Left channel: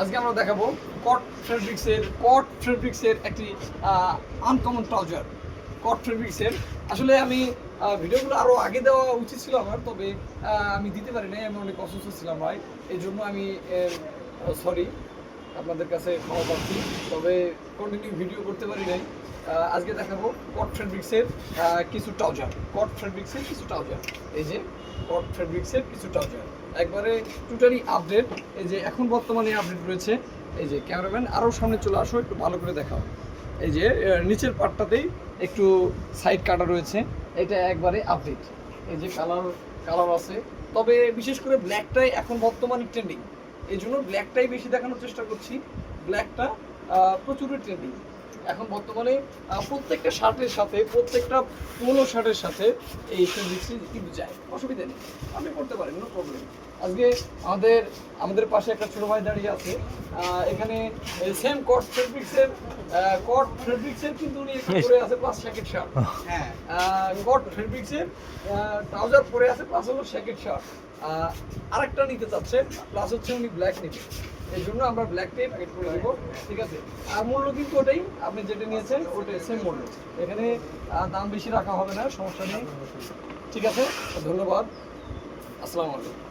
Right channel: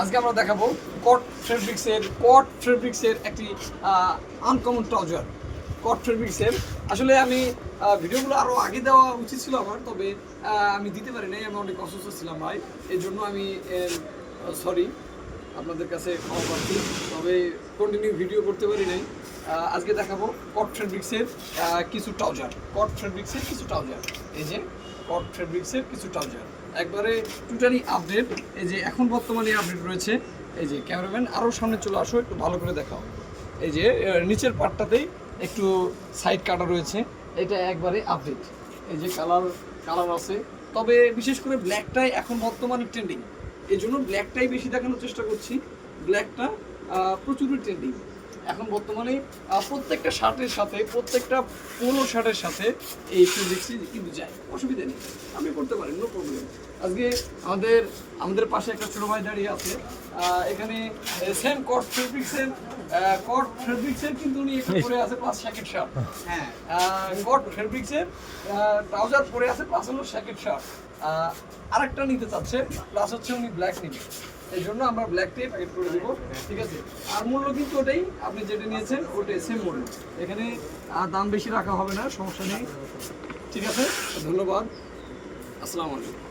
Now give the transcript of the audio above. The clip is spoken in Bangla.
আজকে আমরা দেখাবো কট ফেব্রিক্সের একটি আনকমন ট্রাউজার। কট ফেব্রিক্সের আসলে আমি ভিডিওগুলো আরও আগে দেওয়া উচিত ছিল আমার, তবে আমি দিতে পারি নাই, আমি অনেক অসুস্থ ছিলাম ভাই, এই জন্য আমি সরি, আপনাদের কাছে ক্ষমা পাচ্ছি, তবে কন্টিনিউ ভিডিও করতে পারি নাই। আজকে দেখাবো কট ফেব্রিক্সের কিছু ট্রাউজার। এই যে কট ফেব্রিক্সের কিছু ট্রাউজার একবারে টোটালি আপডেট। এই যে এখন বর্তমানে আপডেট রয়েছে। এই যে ক্যামেরাম্যান আরও সামনে চলে আসো, একটু ভালো করে দেখাও। এই যে নিচের পার্টটাতেই একটু সাইড কাটা রয়েছে, এটা একবারে আপডেট। এই যে কালার আছে, তবে বিশেষ করে ব্ল্যাকটাই এখন বর্তমানে ট্রেন্ডিং, এই জন্য ব্ল্যাকটাই বেশি দেখানোর চেষ্টা করছি। ব্ল্যাকটা প্রচুরই ট্রেন্ডিং এখন বর্তমানে। প্রত্যেকটা শার্টের সাথে, প্রত্যেকটা পোলো শার্টের সাথে এই ফেব্রিক্সই কিন্তু যায়, অসুবিধা নেই, আপনি করতে পারেন, নো প্রবলেম। আজকে আমাদের পাশে একটা ছোটো ভাই দাঁড়িয়ে আছে, এখানে সেম কট ফেব্রিক্সের কিন্তু উনি পরে আছে প্লাস শ্যাকেট শার্ট। হ্যাঁ, কট ফেব্রিক্সের ট্রাউজার পরে আছে প্লাস হলো শ্যাকেট শার্ট। আরেকটা নিতে চাচ্ছে, প্লাস হচ্ছে উনি ব্ল্যাক নিবে, এই জন্য আমরা ব্ল্যাকটাই প্যাকেট করে দেবো, ঠিক আছে। আর মূল্য কিন্তু ওটাই, আপনি যেটা নিয়েছেন ওটাই সেম মূল্য, এখানে দাম বেশি রাখা হবে না, সমস্যা নেই, ঠিক আছে। ধন্যবাদ, আসসালামু আলাইকুম।